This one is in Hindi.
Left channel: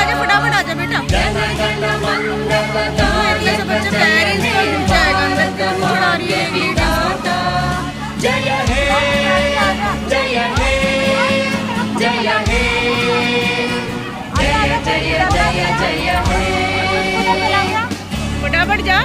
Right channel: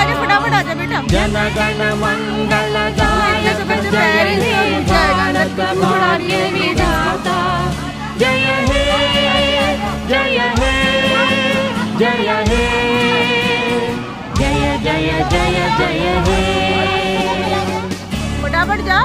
आजा फटाफट आजा बेटा। इतने से बच्चे पेरेंट्स का गुस्सा आएगा अंदर से क्यों छुड़ा रही है पेरेंट्स को। फटाफट जा।